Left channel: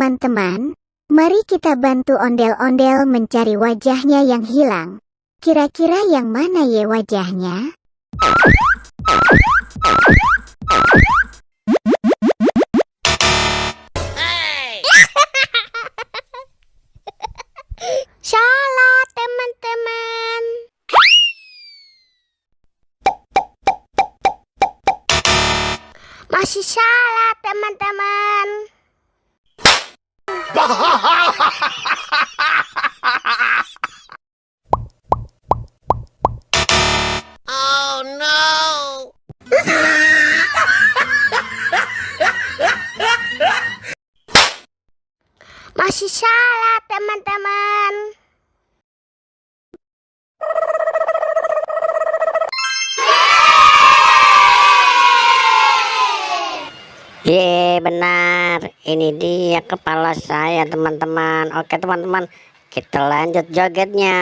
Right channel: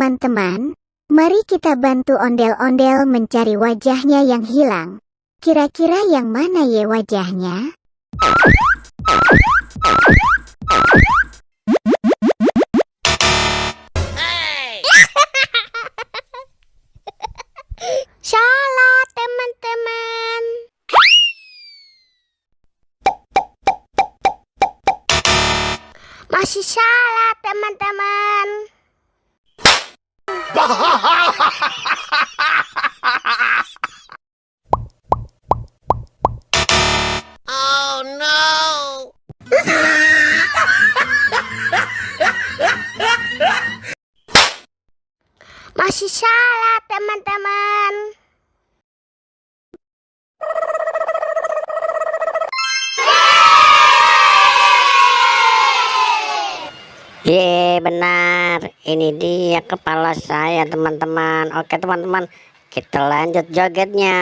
teman-teman, mari kita bantu ondel-ondel mencari wajahnya yang hilang. Kira-kira yang mana ya wajahnya? Salah, teman-teman. Masih salah, teman-teman. Oh no! Masih salah, teman-teman. Benar, ini dia kepala saya teman-teman. Oke teman-teman, kita lanjut jogetnya.